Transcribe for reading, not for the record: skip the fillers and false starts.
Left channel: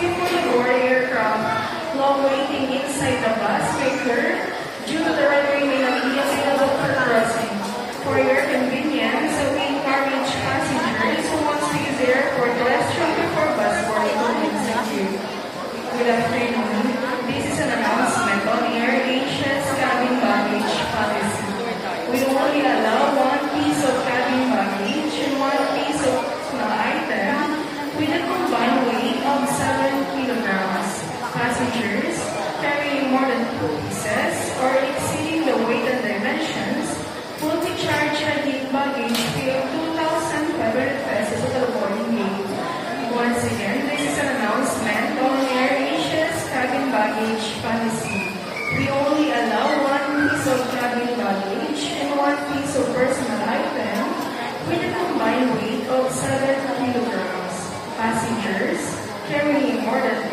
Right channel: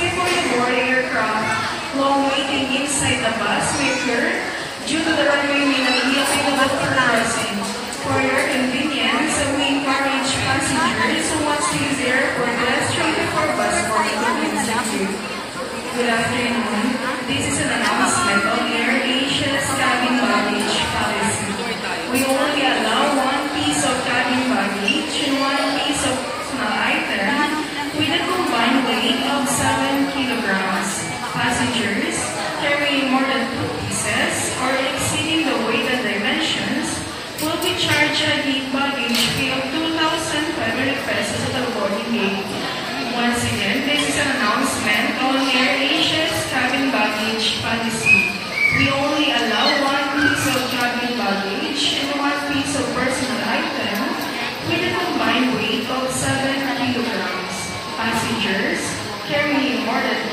People who board aircraft while waiting inside the bus may occur due to the runway may not be available for crossing. For your convenience, we encourage passengers who want to use the airport restroom before bus boarding to execute. Good afternoon. This is an announcement on AirAsia's cabin baggage policy. We only allow one piece of cabin baggage and one piece of personal item with a combined weight of 7 kilograms. Passengers carrying more than 2 pieces or exceeding the weight and dimensions will be charged a gate baggage fee of 2,500 pesos at the boarding gate. Once again, this is an announcement on AirAsia's cabin baggage policy. We only allow one piece of cabin baggage and one piece of personal item with a combined weight of 7 kilograms. Passengers carrying more than